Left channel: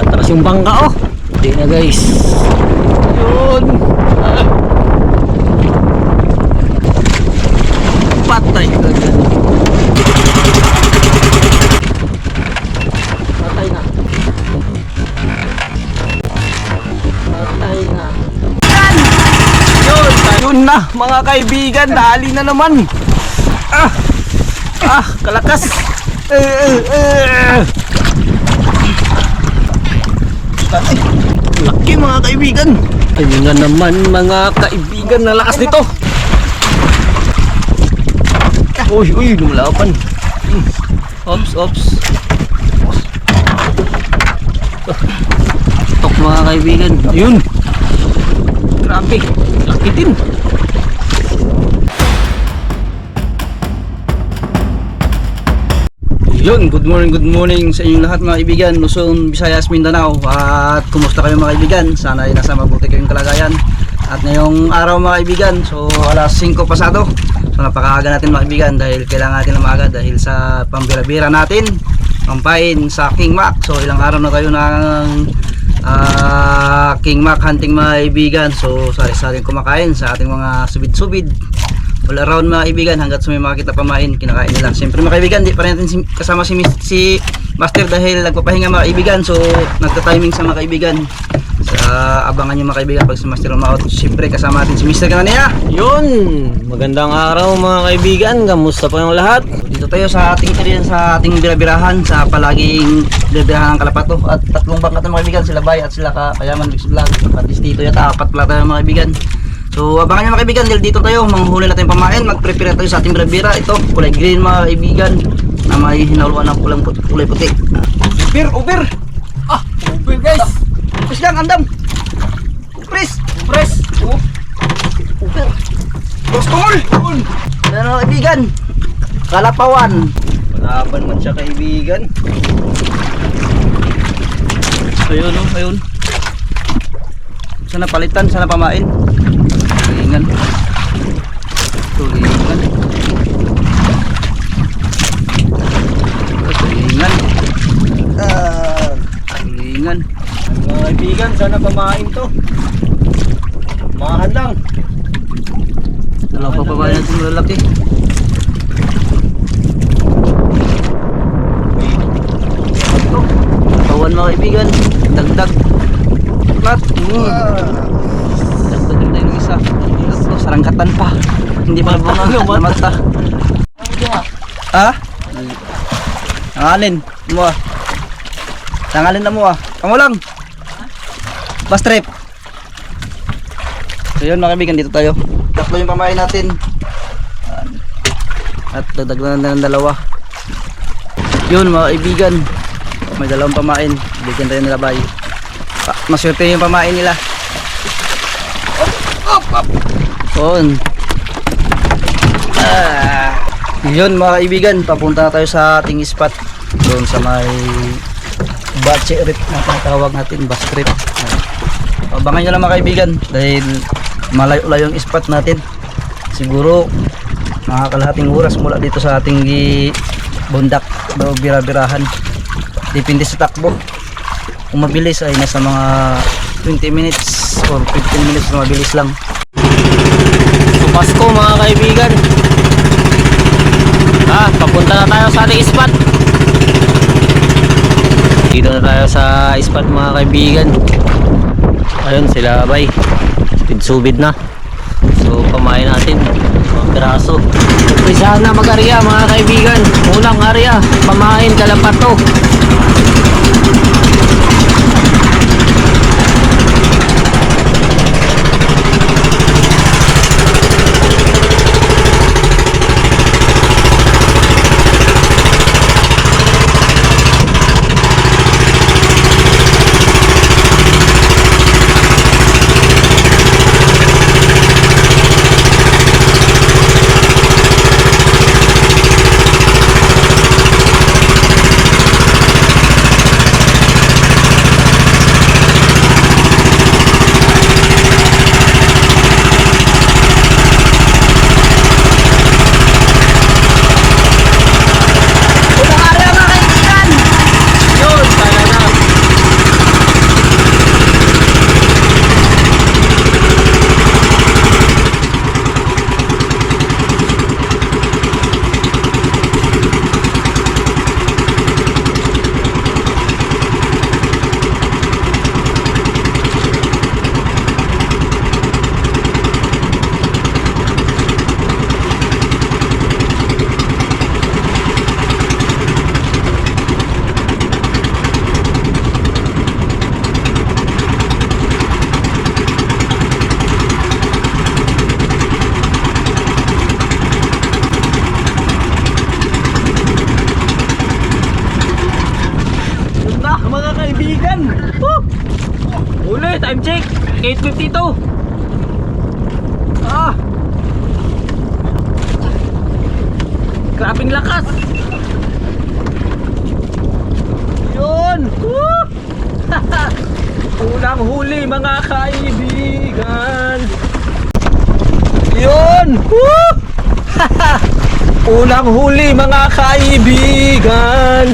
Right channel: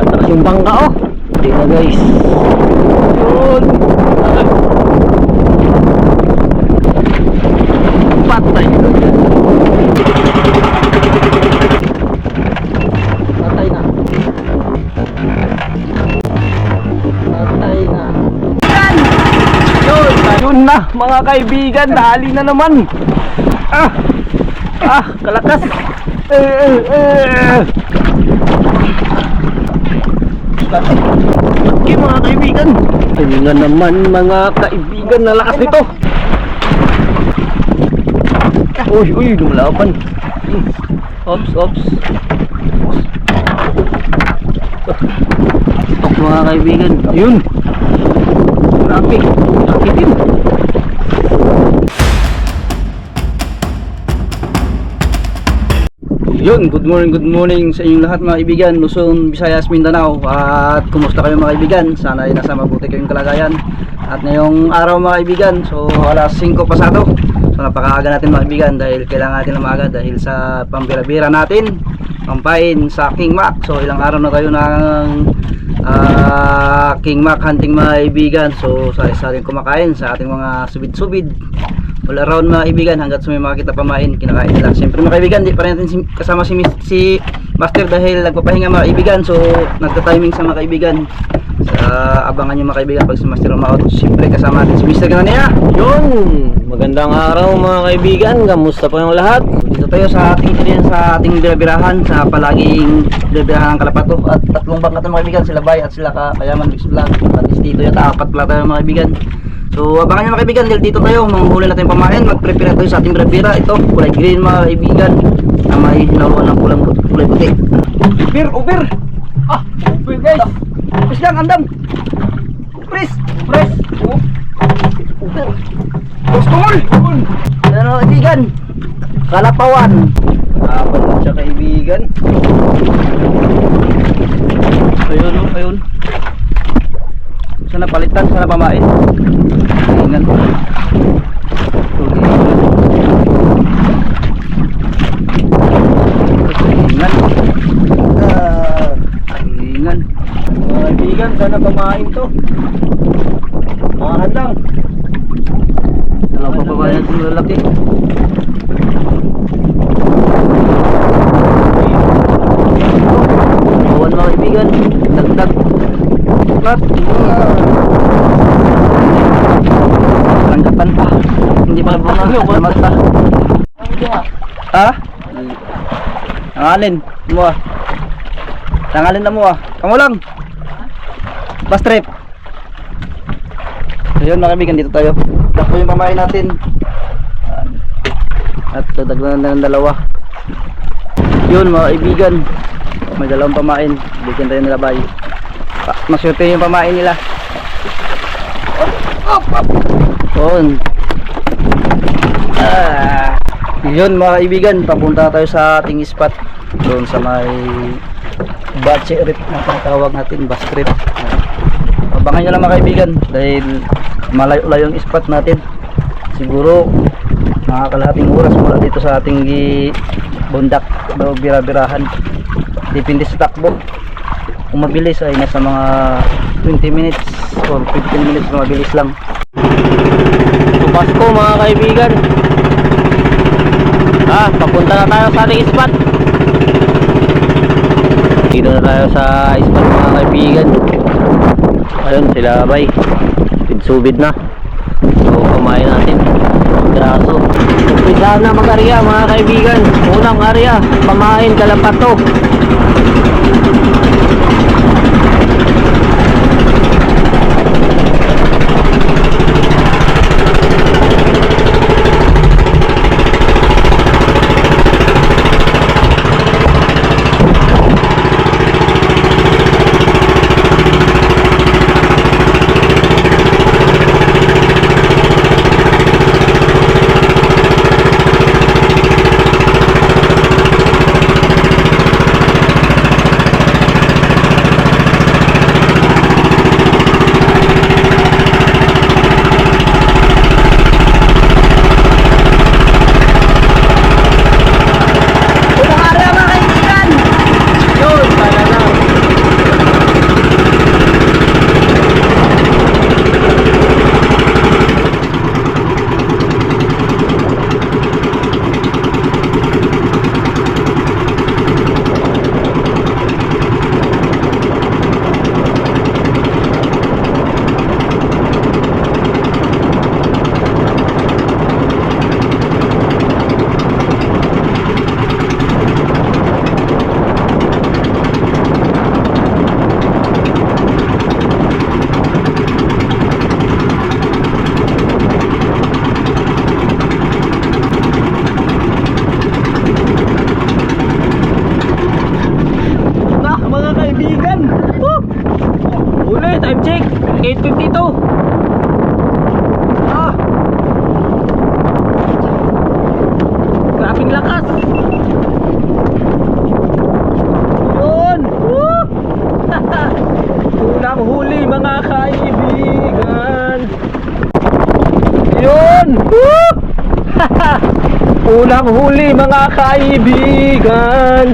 Atras yung bangka oh. Hindi na guys. Yun. Patay ka dyan. Patay na. Patay na. Yan! Yun na mga kaibigan. Dali na naman. Kalakas. Laki mga kaibigan. Ayun nga naman mga kaibigan. Nalakas nito. Uy, lumalapan. Ops. Tok mga kaibigan. Ayun. Grabe. Laki din. Yun, good morning sa inyong lahat mga kaibigan, Luzon, Visayas, Mindanao. At kumusta kayo mga kaibigan? Sana ay nasa mabuti kayong kalagayan. At ngayong araw mga kaibigan, so alas 5 pasado. So napakaaga natin mga kaibigan dahil kailangan natin na maaga dahil sa pambira-bira natin, pampain sa King Mac. So ilang araw na kayo ng King Mac hunting mga kaibigan. So sari-saring kumakain sa ating mga subid-subid all around mga kaibigan hanggat sa may makakita pamain, kinakain nila. Siyempre mga kaibigan, di pa rin natin kasama si Master dahil nagpapahinga mga kaibigan. So nagta-timing sa mga kaibigan. Abangan nyo mga kaibigan pag si Master umaot. Siyempre kasama natin si Mr. Ganania. Yun, magandang araw mga kaibigan. Kamusta po yung lahat? Dito tayo sa ating birabirahan, sa palaging birabirahan ng Kalapato. At tatlong bangkat ng mga kaibigan, sila Bay at sila Kayaman Mix Vlog. At dito yata, 4 pala tayo mga kaibigan. So abangan nyo mga kaibigan, dahil dito tayo manghuli natin pamain, mag-prepare tayo sa ating birabira. Ito, kulay green mga kaibigan na may hinaluan ng kulay puti. Over guys. Upres lang, andam. Upres. Over. Gostol. Ano kaibigan? Kalapawan. Malaban mo siya kaibigan. Ayun. Sana palitan, sana pamain. Tulingan. Mga kaibigan, sana pamain to. Mga handang. Dalawa pa pamain natin malalaki. Bawan mga kaibigan, dagdag. Plat. Serangkatan pa. Hindi pa bunga mata. Tangalin mo ah. Tangalin na mo ah. Kamu lang. Bus trip. So yun mga kaibigan, dito tayo. Tatlo yung pamain natin. At dadagdagan na ng dalawa. Yun mga kaibigan, may dalawang pamain. Bigyan tayo nila Bay. Maswerte yung pamain nila. Yun. Yun mga kaibigan, papunta tayo sa ating spot doon sa may Bache Trip na tinatawag natin, bus trip. Abangan nyo lang mga kaibigan dahil malayo-layo yung spot natin. Siguro mga kalahating oras mula dito sa ating bundak o birabirahan. Depende sa takbo. Kung mabilis ay nasa mga 20 minutes or 15 minutes na mabilis lang. So Pasko mga kaibigan, papunta na tayo sa ating spot. Dito na tayo sa spot mga kaibigan. Ayun sila Bay, subid na. So kumain natin braso. Umpisa na mag-arya mga kaibigan. Unang arya, pamain Kalapato. Huli, time check. 8:52. Ah. Grabing lakas. Yun. Woo! Unang huli mga kaibigan. Yun. Woo! Unang huli mga kaibigan.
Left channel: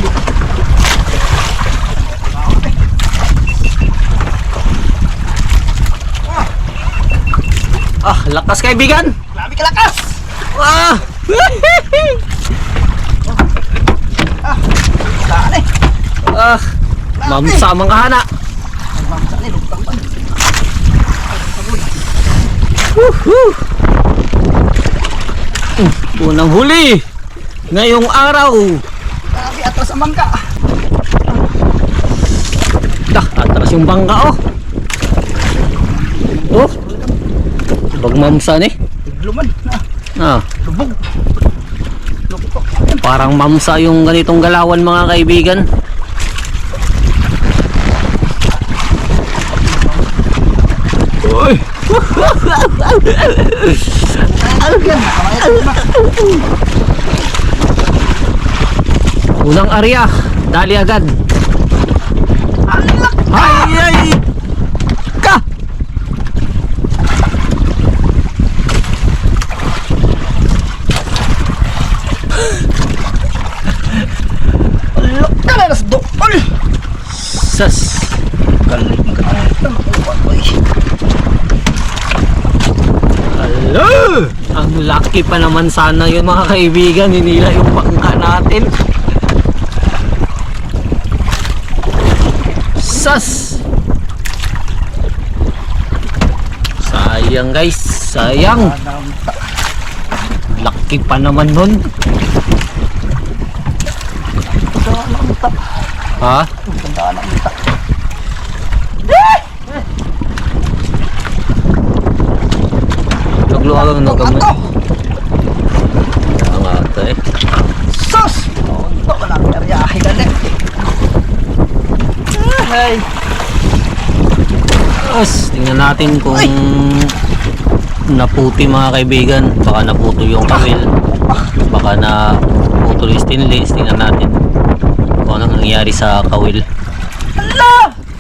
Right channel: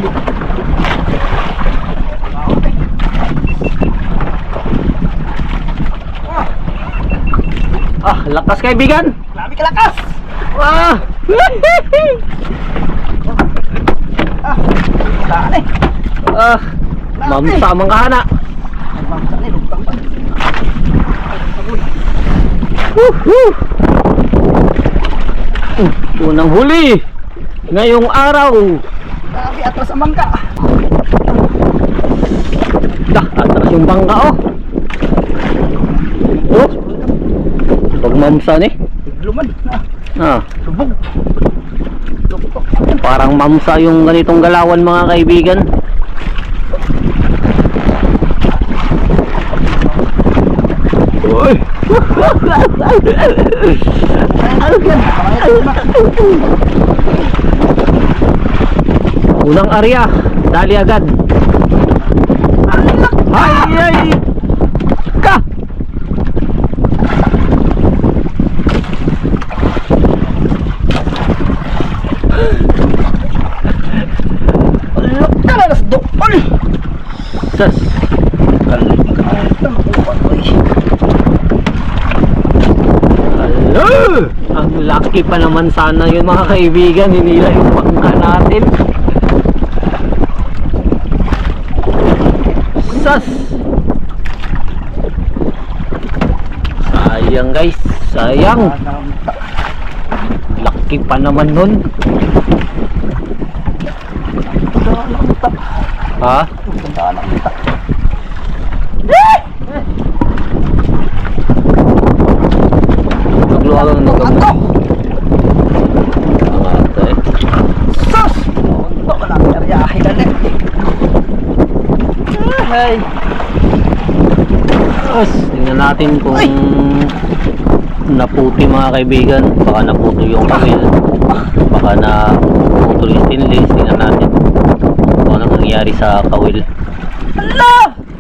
Ah, lakas kaibigan. Grabe ka lakas! Ah. Saan eh? Ah, mamsa mga hana. Nagmamsa ni lugtang pa. Unang huli ngayong araw. Grabe, atras ang bangka. Dah, atras yung bangka oh. Oh. Bagmamsa ni. Tigluman na. Ah, Lubog. Lugtok. parang mamsa yung ganitong galawan mga kaibigan. Uy. Ano yan? Unang area, dali agad. Ay, ay. Ka. Alok ka na nas doon. Sas. Galit ka na makuha ko eh. Hello! Ang lucky pa naman sana yun mga kaibigan, hinila yung bangka natin. Sas! Sayang guys, sayang. Lucky pa naman nun. Tandaan ang utak. Ha? Tandaan ang utak. Nagluwag ang Ato! Ang ata eh. Sus! Ito ka lang karyahe galit. Ay! Tapos, tingnan natin kung naputi mga kaibigan. Baka naputo yung kawil. Baka naputo yung stainless. Tingnan natin kung ano nangyari sa kawil. Hala!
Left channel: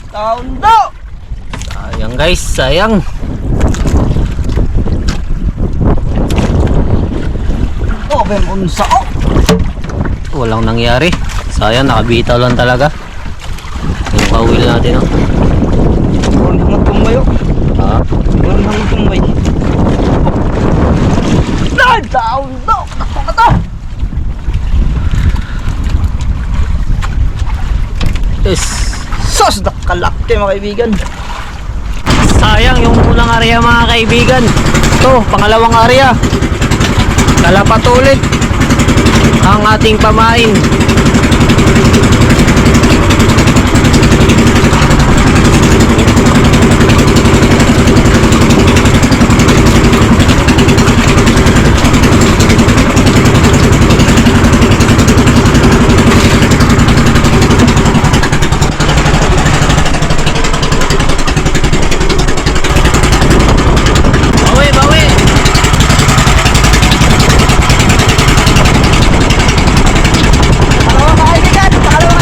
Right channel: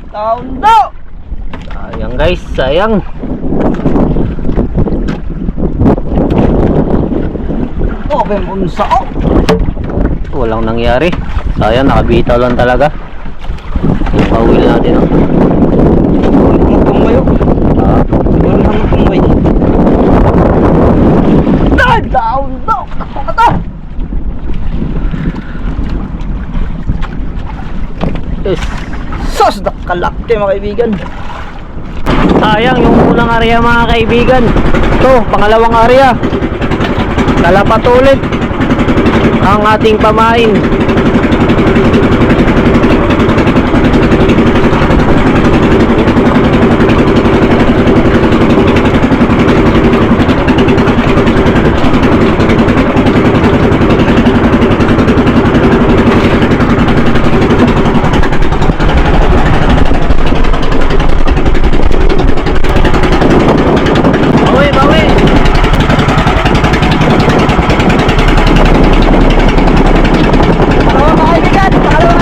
Taon daw! Sayang guys, sayang. Oh, ben unsa oh! Walang nangyari. Sayang, nakabitaw lang talaga. Yung kawil natin oh. Huwag mo tumayo. Ah, Huwag mo tumayo. Ay! Taon daw! Takbo ka to! yes. Sus! Nakalaki mga kaibigan. Sayang yung unang area mga kaibigan. Ito, pangalawang area. Kalapat ulit ang ating pamain. Bawi, bawi. Pangalawang kaibigan! Pangalawang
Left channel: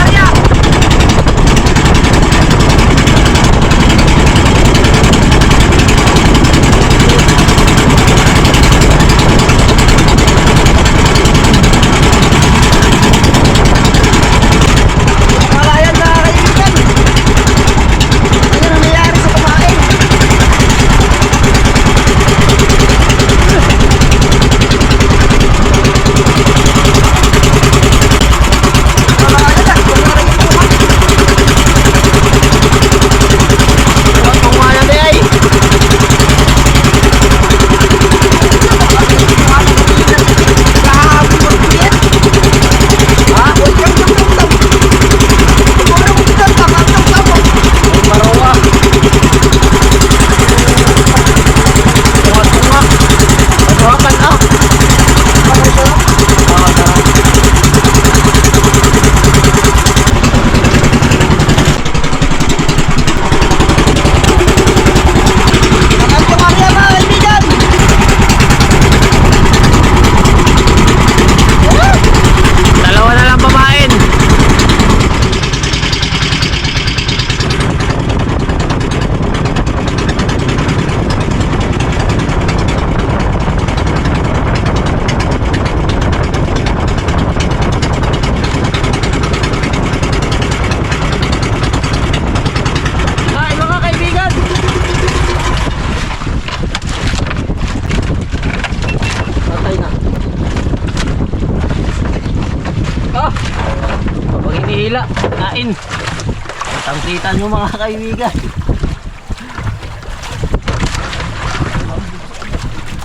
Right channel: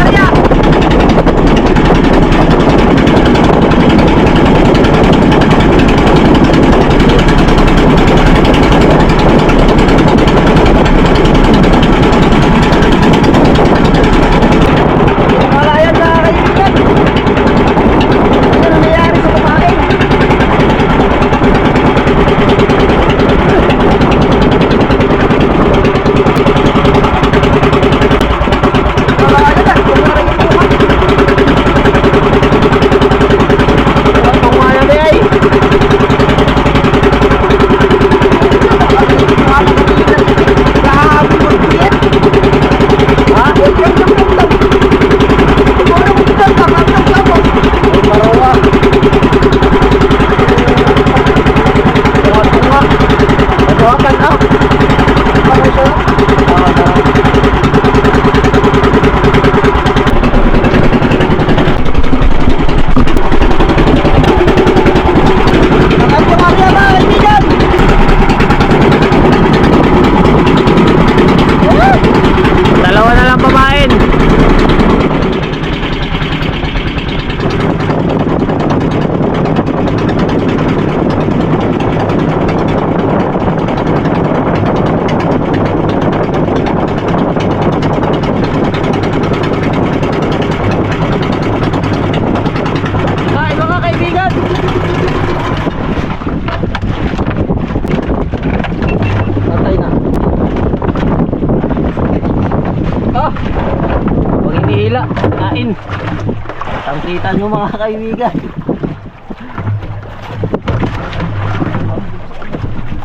Kita nyo mga kaibigan.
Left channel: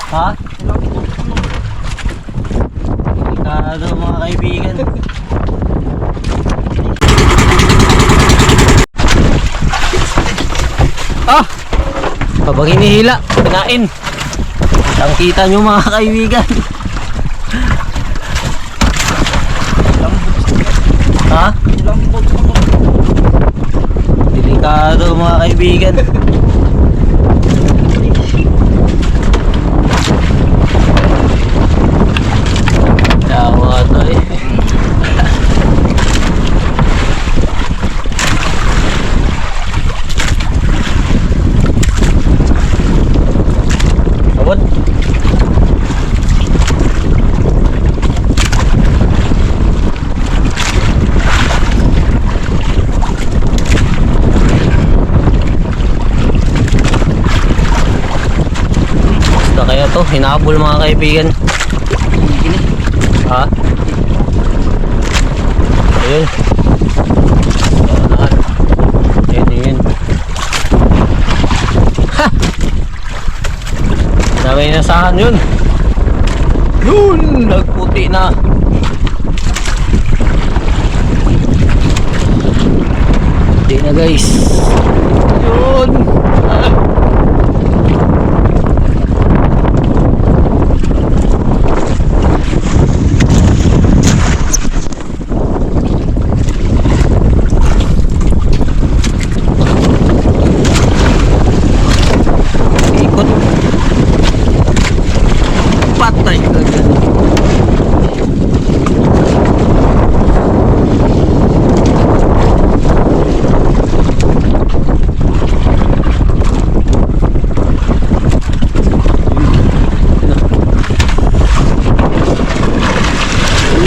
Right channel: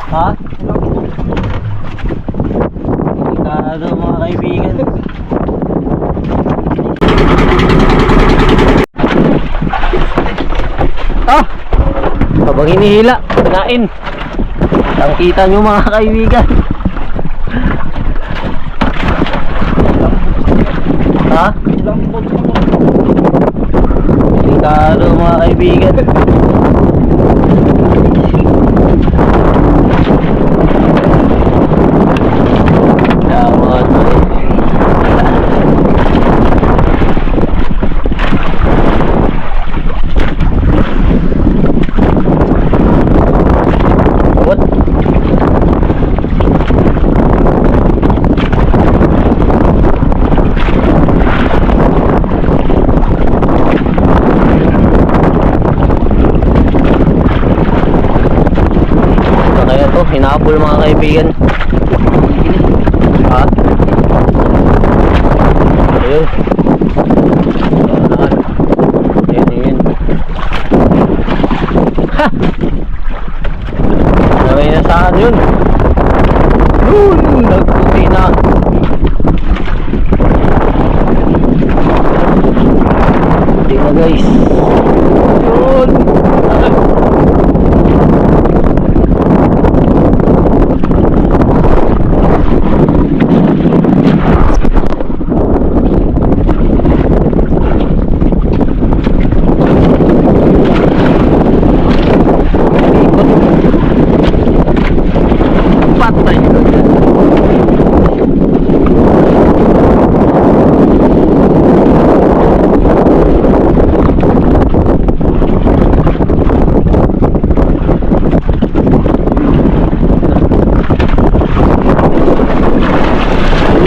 Ha? Delikado mga kaibigan. Ah! Habang hinihila, kinain. Ang kita nyo mga kaibigan. Ha? Delikado mga kaibigan. Yawa to eh. What? Basta kaya to, hinabol mga kaibigan. Ha? Ayun. Ayun, yun. Ha! Sabay na saan yun? Yun! Nagputi na. Puti na guys. Yun! Ah. Ikot. Patay ka dyan.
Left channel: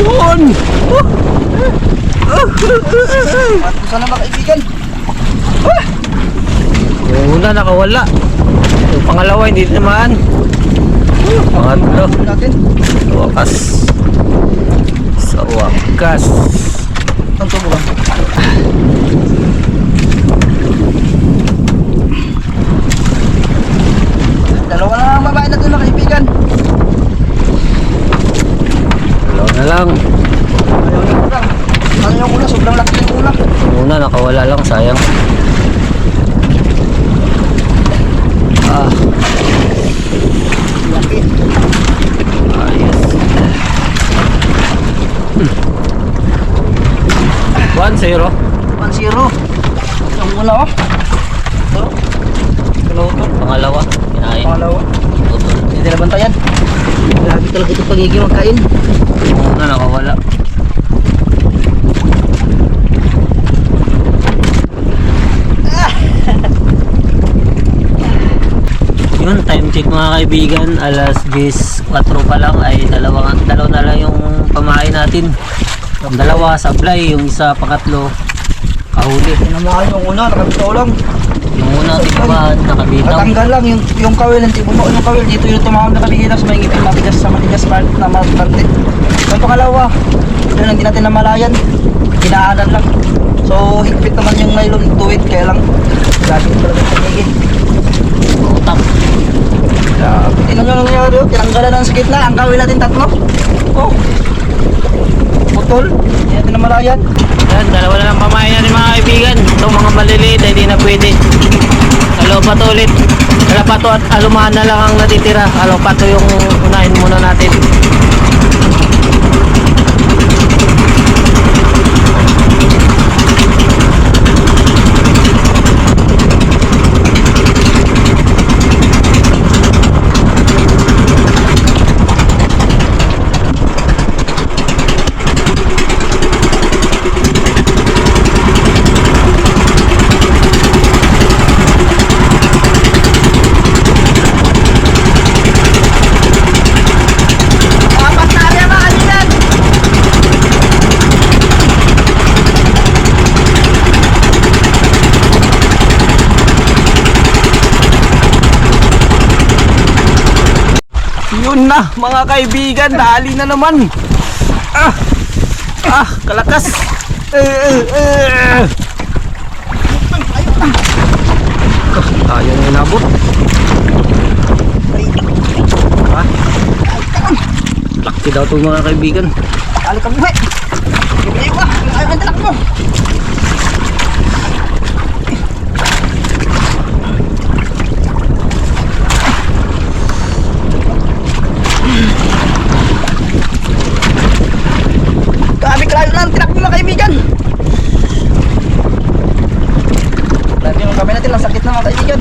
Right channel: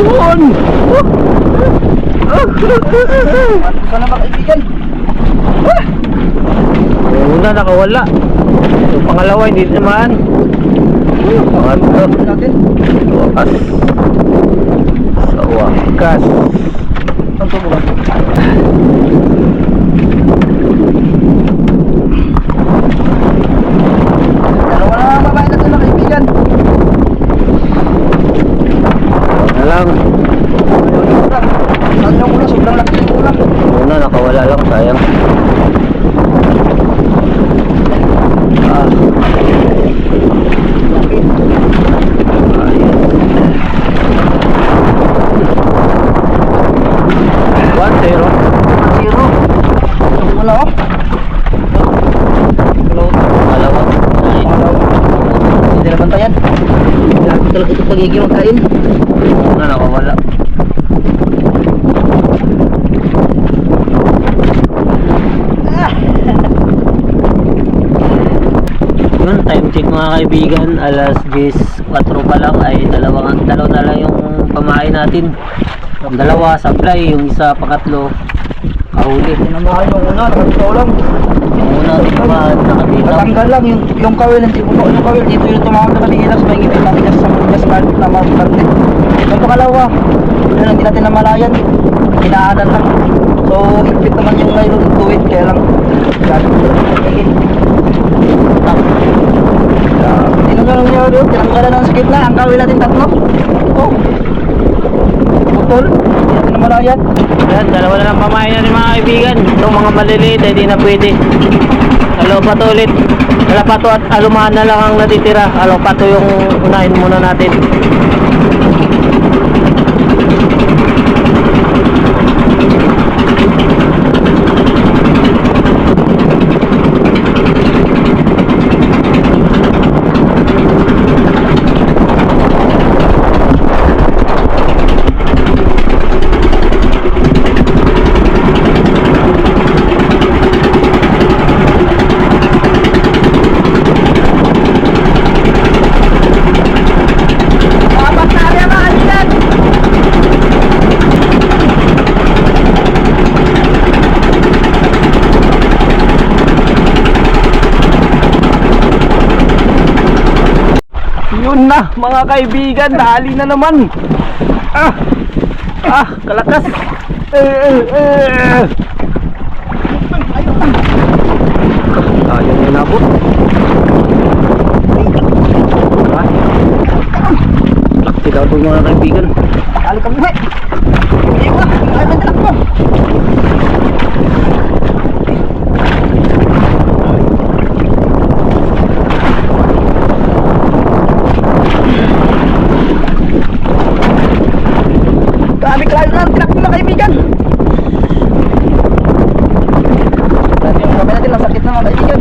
Yun! At sana mga kaibigan. Yung una nakawala. Yung pangalawa hindi naman. Pangatlo. Ano natin? Wakas. Sa wakas. Ang tubo ba? Dalawa na ang babae natin mga kaibigan. Yun na lang. Ayaw ni kulang. Ano yung una? Sobrang laki ng kulang. Yung una nakawala lang, sayang. Ah, Laki. ayos. 1-0. 1-0. Ang una oh. Hello. Pangalawa. Ay, Pangalawa. Hindi na bantayan. Lagi talaga ito pagiging magkain. yung una nakawala. Yun, time check mga kaibigan, alas 10:04 pa lang ay dalawa na lang yung pamahay natin. Ang dalawa supply, yung isa pangatlo kahuli. Tinamahan yung una, nakabitaw lang. Yung una di ba nakabitaw? Natanggal lang yung kawil, hindi bumuo yung kawil. Dito yung tumawag na kabihilas, may ngipin matigas sa matigas part na maparte. Yung pangalawa, yun hindi natin namalayan. Hinaanan lang. So, higpit naman yung nylon tuwid, kaya lang dahil ko lang pinigin. Tak. Tinong nyo nangyari, tinanggalan ng sakit na. Ang kawil natin tatlo. Oh. Putol, hindi natin namalayan. Yan, dalawa na lang pamahay na mga kaibigan. Itong mga maliliit ay hindi na pwede. Alopato ulit. Alapato at alumahan na lang ang natitira. Alopato yung unahin muna natin. Yun na mga kaibigan, dali na naman. Kalakas. po mga kaibigan. Ali ka buhay. Ayaw ka. Ayaw ka tanak mo. Grabe kalayo na ang tinak mo mga kaibigan. Grabe yung kamay natin. Ang sakit na mga kaibigan.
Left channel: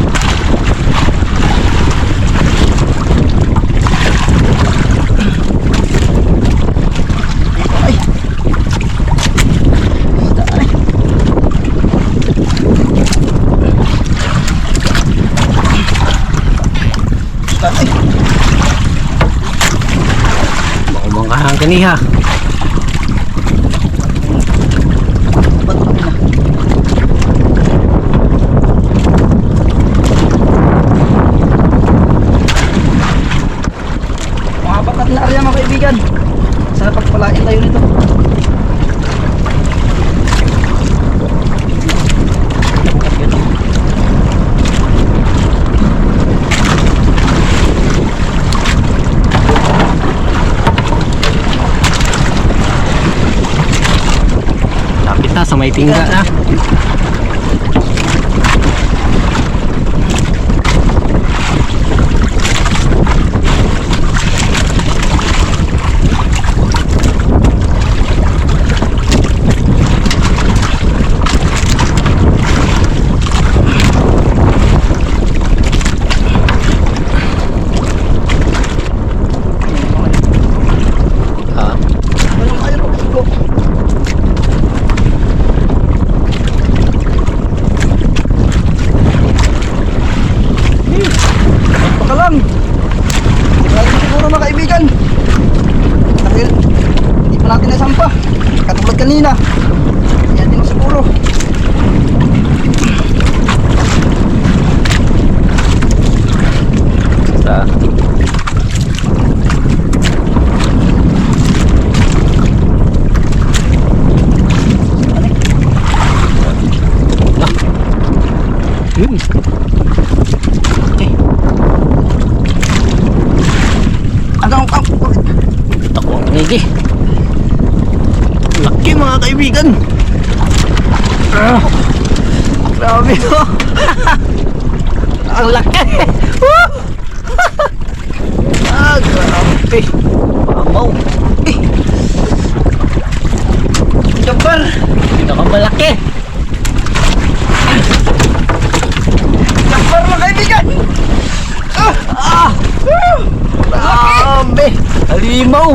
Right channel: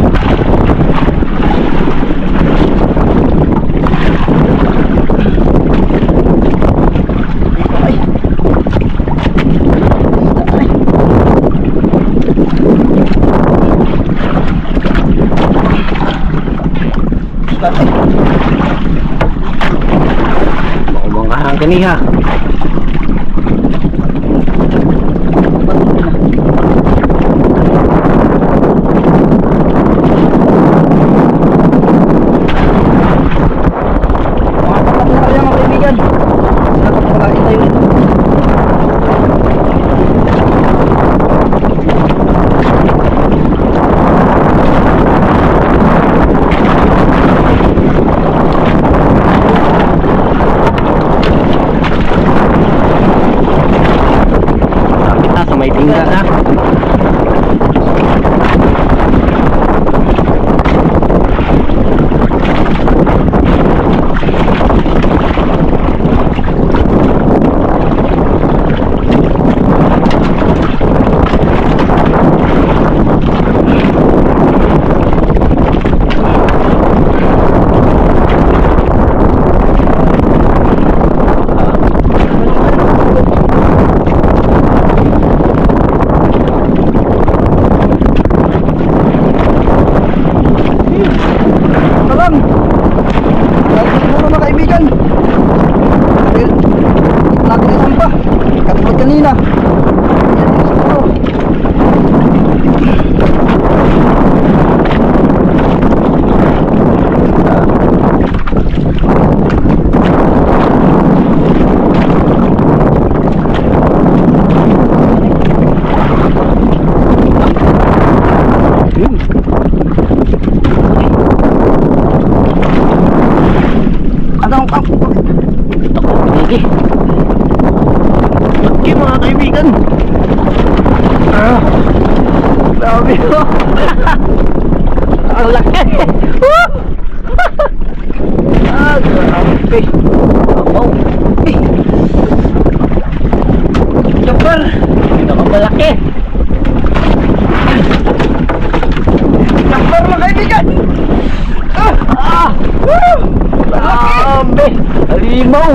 Maumangkahan kaniha. Mga patat na kaya mga kaibigan. Sana pagpapalain tayo nito. Lapit na sa may tingga na. Kalang. Lagi siguro mga kaibigan. Dahil ito natin ay sampa. Katulad kanina. Yan yung siguro. Yun. Ano ang Tako, pinigi. laki mga kaibigan. Grabe to. Ang laki. Grabe. Wow. Jumper. Pinakamalaki. Jumper mga kaibigan. Laki. Grabe. Halimaw.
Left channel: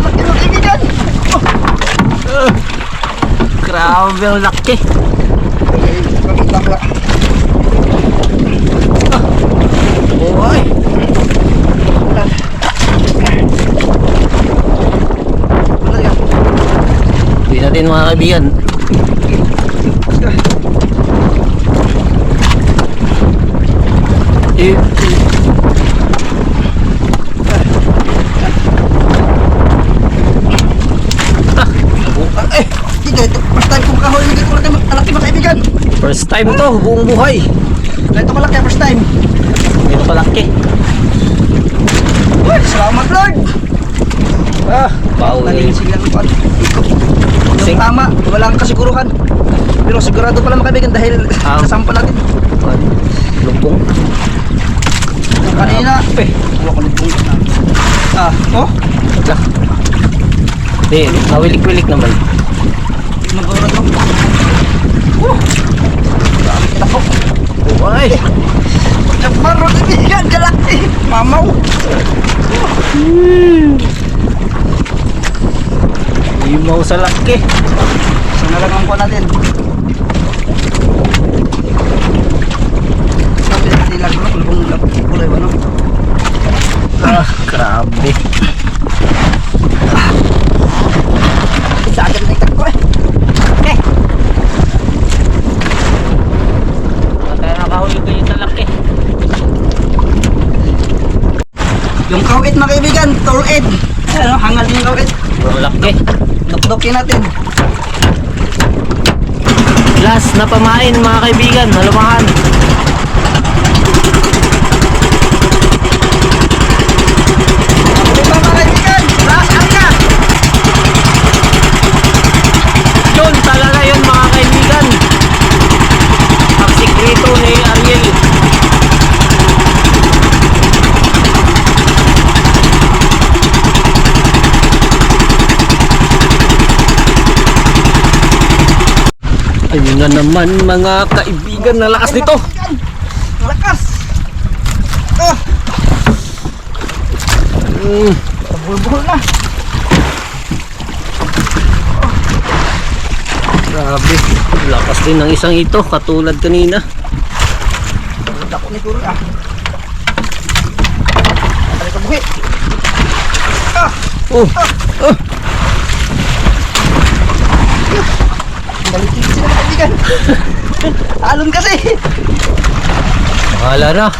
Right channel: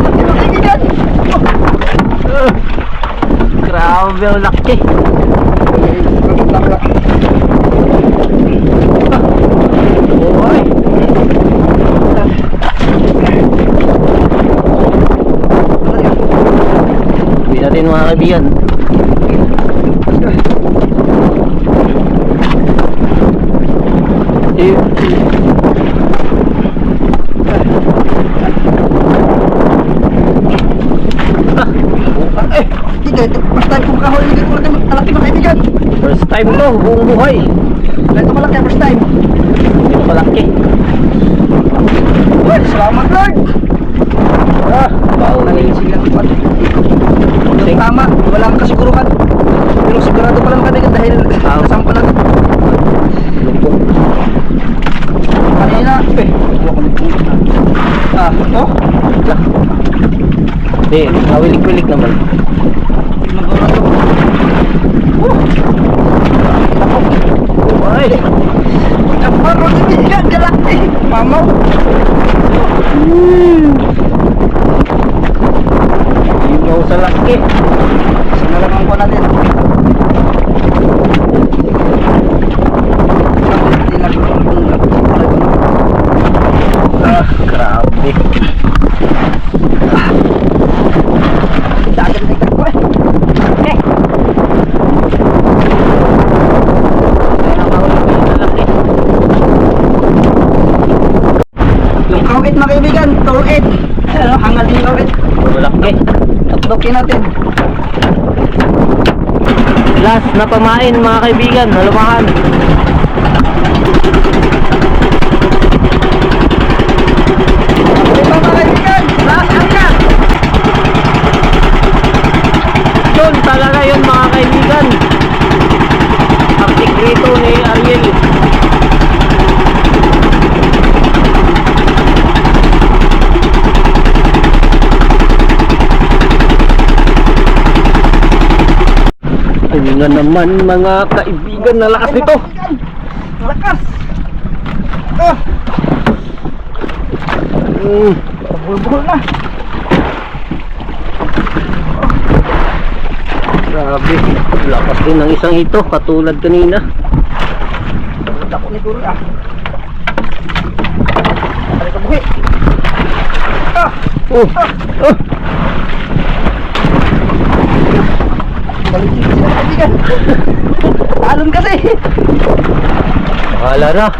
Laki mga kaibigan. Grabe ang laki. Oy. Hindi natin mga kaibigan. Eh, Ito, first time ko makahuli ng ganito kalaki mga kaibigan. first time to, buong buhay. Ganito kalaki, first time. Ito kalaki. Uy, salamat Lord. Wow. Nalinisig lang pa. Yung tama, walang kasiguruhan. Pero sigurado pala mga kaibigan dahil sa sampa natin. Lumpong. Kanina, wala ko nitong oh, Hindi, nawilik-wilik naman. nagura to. Ako. Ay, Naparo na bigan, galaki. Mamaw. imaw sa laki. Sana lang ang kuha natin. Sabi, lagi ko ang bunga. Grabe. Sa akin na itak ko eh. Kaya nakahuli ko yung laki. Yung kawit mga kaibigan, tolid. Ano, hangal din yung kawit. Laki. Tuktukin natin. Last na pamain mga kaibigan, nalumahan. Ayun na naman mga kaibigan, na lakas nito. Lakas! Bulbul na. Grabe, lakas din ng isang ito, katulad kanina. Ako ni Turo ah. Balik ka buhi. Galing sila kaibigan. Alon kasi. Bahala na.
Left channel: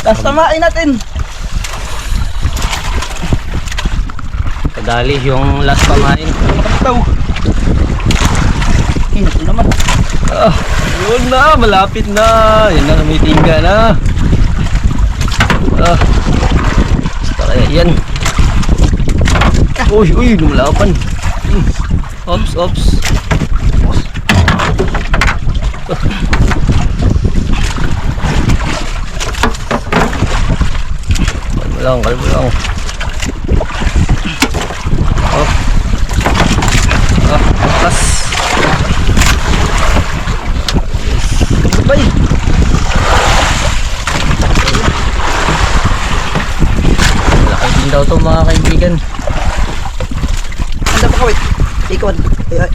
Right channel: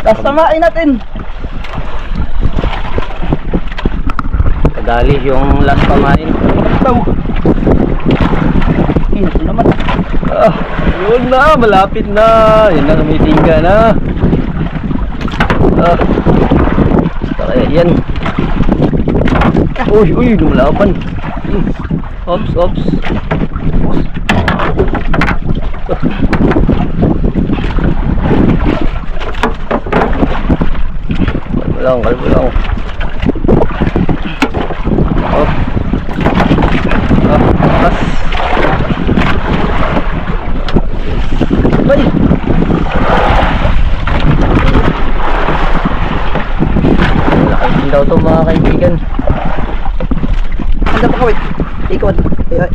Tapos tamain natin. Kadali yung last pamain. Ito. Ito naman. Yun na, malapit na. Yan na, tumitingga na. Basta kaya yan. Uy, lumalapan. Ops. Kalbo lang. Lakas. Bay. Lakas din daw to mga kaibigan. Anda pa kawit. Ikaw,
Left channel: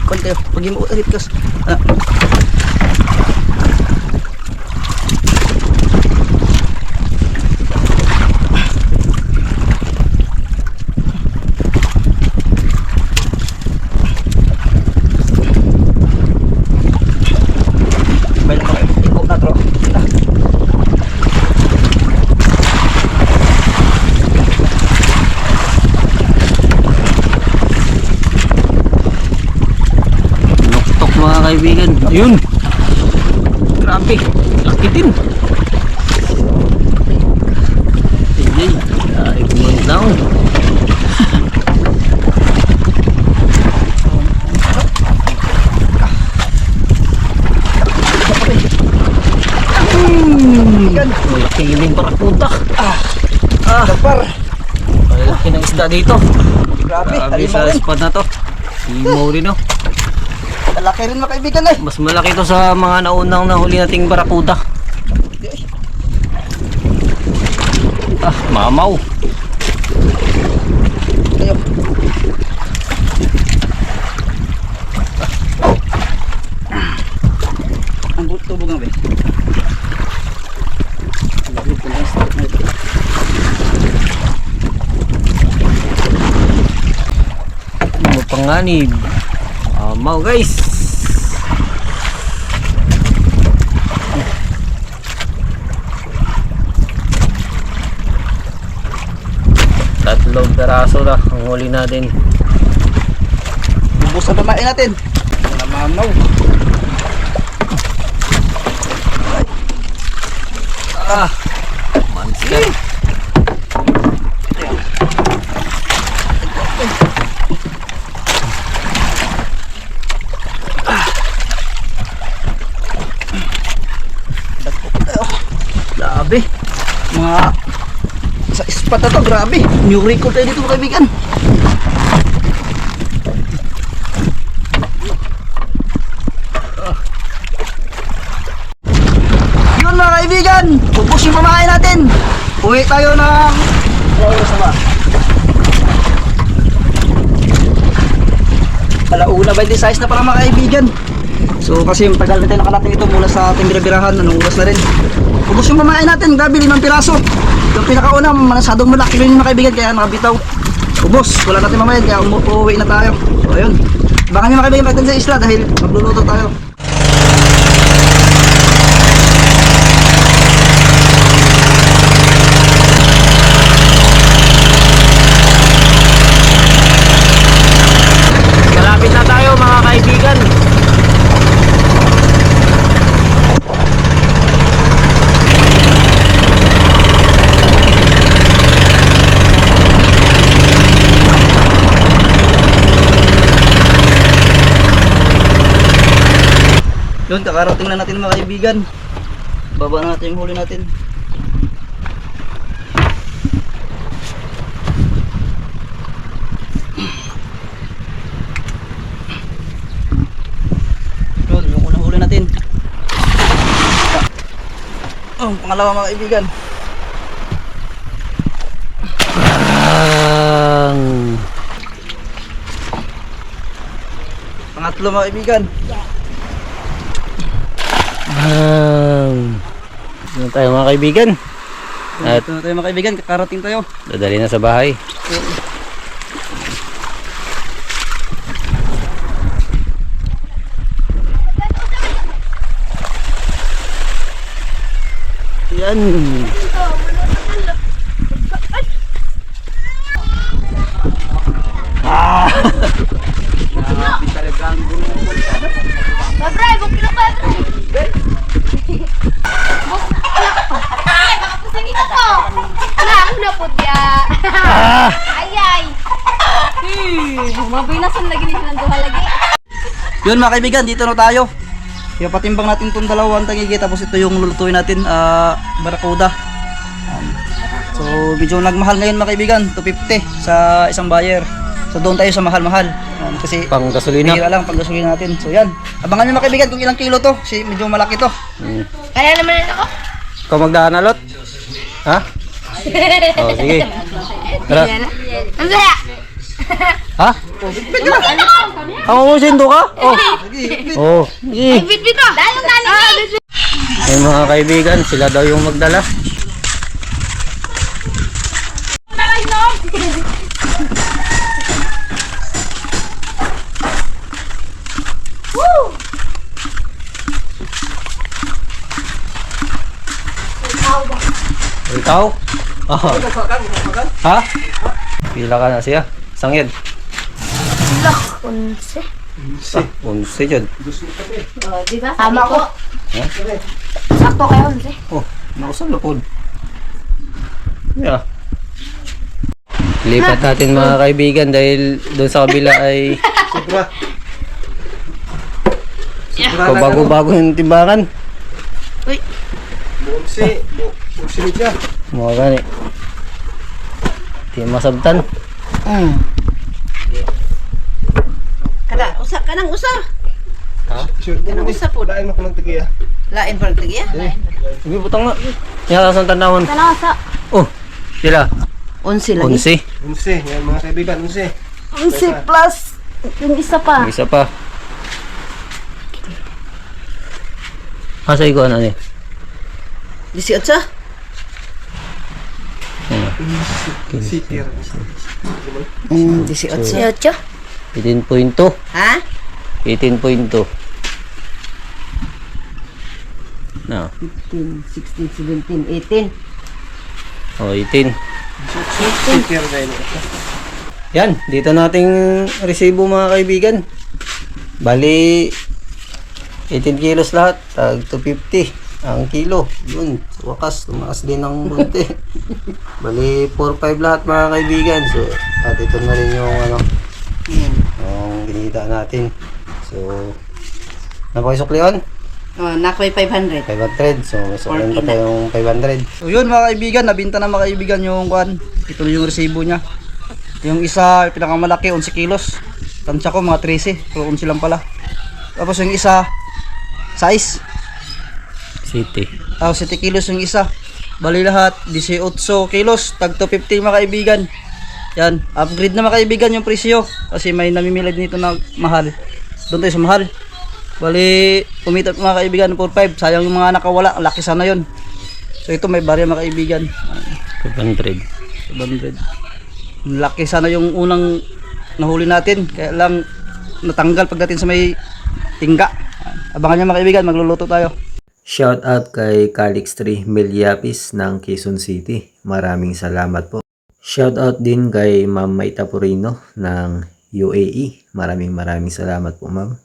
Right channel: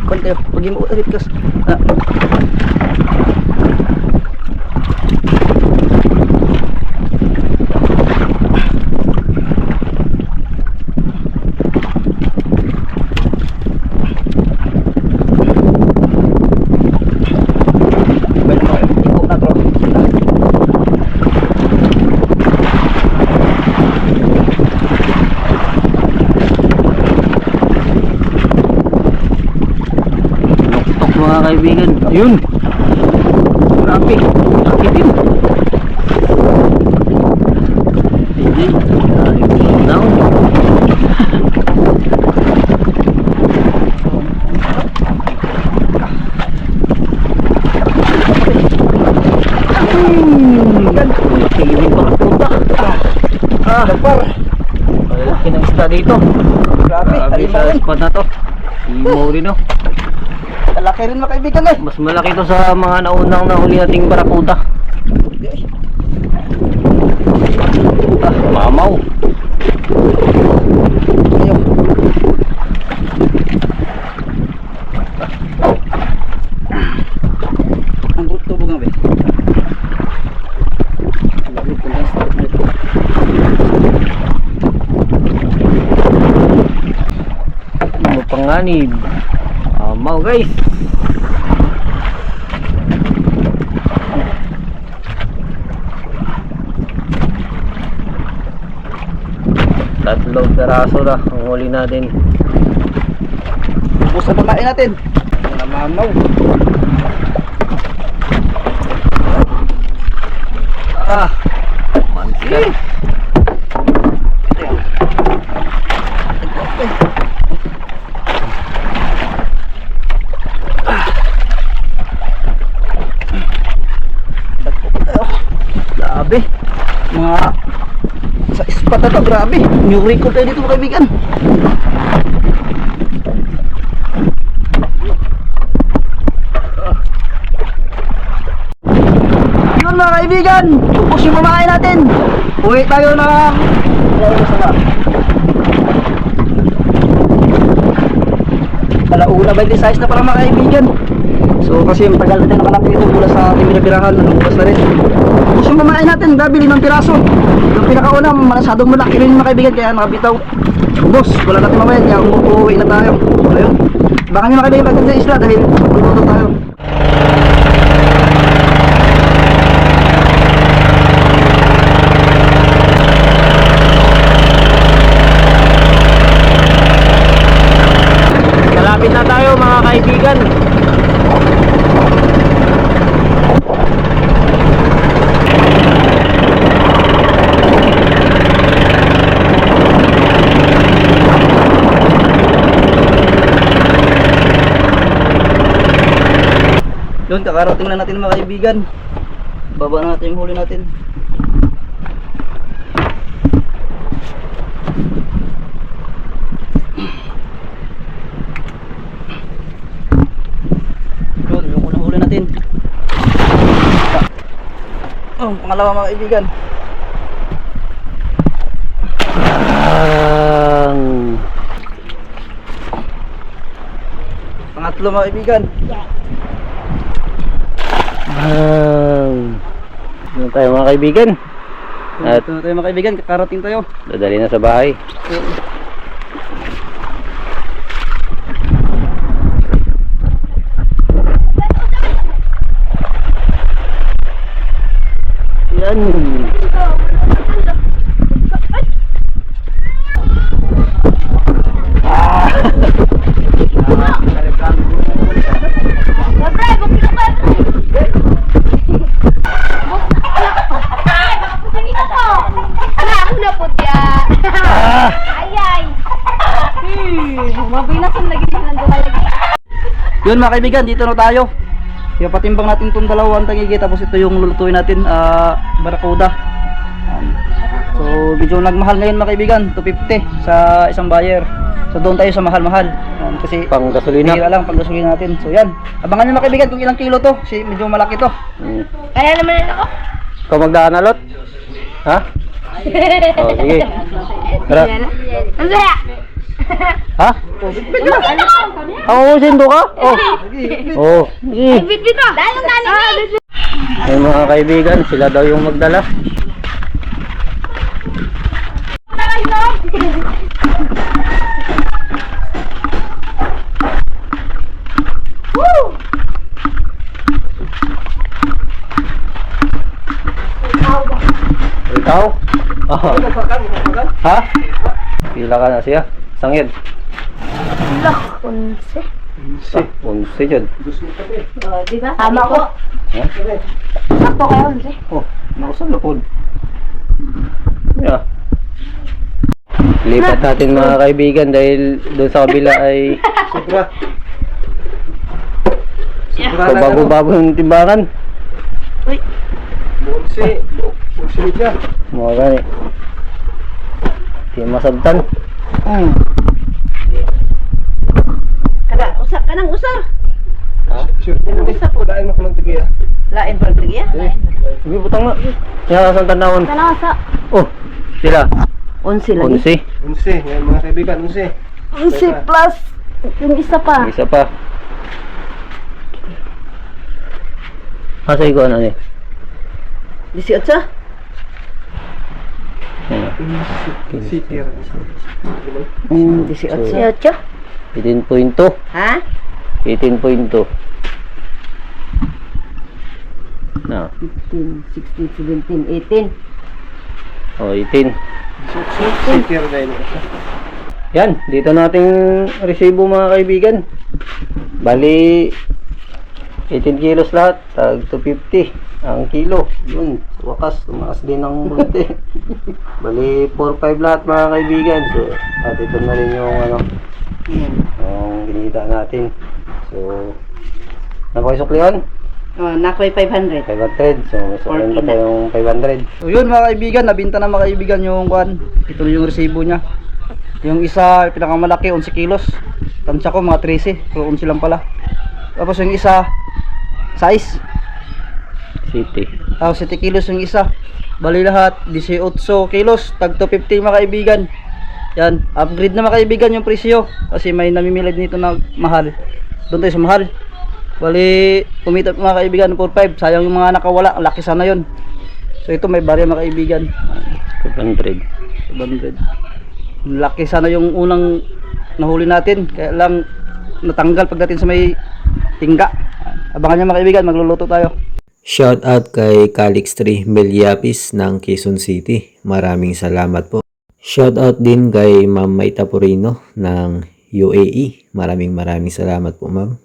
konti. Pag mo ulit kas. Mga kaibigan, yun. Grabe, sakitin. Hindi, down. Kiling barakuda. Kapar. Malaki ng isda dito. Grabe, Grabe halimaw sa rin. spot na to. Himo rin oh. Laki rin mga kaibigan eh. Mas malaki to sa mga naunang nahuli nating barakuda. Mamaw. Ayaw. Ang tubo nga ba? Mapanganib. Mamaw guys. Tatlong peraso na ang huli natin. Ubus na pamain natin. Namamaw. Monster. Grabe. Mga sa spot na to, grabe. New record tayo dito mga kaibigan. Yun mga kaibigan, ubos yung pamain natin. Uwi tayo ng Alauna 26 na pala mga kaibigan. So kasi yung tagal natin nakalating ito mula sa ating binabirahan, nanungulas na rin. Ubus yung pamain natin, gabi 5 piraso. Yung pinakauna, masyadong malaki rin mga kaibigan, kaya nakabitaw. Ubus, wala natin mamayan, kaya umuwi na tayo. So ayun, baka nyo mga kaibigan natin sa isla dahil magluluto tayo. Malapit na tayo mga kaibigan. Yun, kakarating na natin mga kaibigan. Baba na natin yung huli natin. Oh, pangalawa mga kaibigan. Pangatlo mga kaibigan. Ano tayo mga kaibigan? At Ito na tayo mga kaibigan, kakarating tayo. dadali na sa bahay. Yan. Yun mga kaibigan, dito na tayo. Kaya patimbang natin itong dalawang tangigi, tapos ito yung lulutuin natin, barakuda. So medyo nagmahal ngayon mga kaibigan, 250 sa isang buyer. So doon tayo sa mahal-mahal. Kasi Pang gasolina. bihira lang pag gasolina natin. So yan, abangan nyo mga kaibigan kung ilang kilo to, kasi medyo malaki to. Kaya naman ako. Ikaw magdaan alot? Ha? Oh, sige. Tara. Ang saya. Ha? Ang umusindo ka? Oh. Oh. Sige. Bit-bit ko. Dahil yung nanin. May mga kaibigan, sila daw yung magdala. Ikaw? Oh. Ha? Pila ka na siya? Sangyan? Unse. Unse dyan. Diba? Tama ko. Sakto kayo, unse. Oh, nakusang lapod. Yeah. Lipat natin mga kaibigan dahil doon sa kabila ay bago-bago yung timbangan. Bunsi niya. Mga gani. Di masabtan. Usa ka nang usa. Sure, Usa po. lain mo ng tigiya. Lain pa tigiya. Sige, butang na. Yan sa tanawon. Kalasa. Oh, sila. 11 lagi. 11. Unsi, yan mga kaibigan, unsi. Unse plus yung isa pa. Isa pa. Asa ikaw ano ni? 18. Sitir. 18. 18.2. Ha? 18.2. Na. 15, 16, 17, 18. Oh, 18. Sitir dahil. Yan, dito nating resibo mga kaibigan. Bali 18 kilos lahat, tag 250 ang kilo. Yun, sa wakas tumaas din ng bunti. Bali 4-5 lahat mga kaibigan. So, at ito na rin yung ano, yung ginita natin. So, napakisuklihan? Nakoy 500. 500. So, masuklihan pa 40 na. tayong 500. So yun mga kaibigan, nabinta na mga kaibigan yung kwan. Ito yung resibo niya. Yung isa, pinakamalaki, 11 kilos. Tansya ko mga 13, pero 11 lang pala. Tapos yung isa, size. City. Tapos 7 kilos yung isa. Bali lahat, 18 kilos. Tag 250 mga kaibigan. Yan, upgrade na mga kaibigan yung presyo. Kasi may namimili dito na mahal. Doon tayo sa mahal. Bali, kumita mga kaibigan, 4-5. Sayang yung mga nakawala, laki sana yun. So ito may barya mga kaibigan. 500. 700. Laki sana yung unang nahuli natin. Kaya lang natanggal pagdating sa may tingga. Abangan nyo mga kaibigan, magluluto tayo. Shout out kay Calix 3 Meliapis ng Quezon City. Maraming salamat po. Shout out din kay Ma'am Maita Purino ng UAE. Maraming salamat po, ma'am.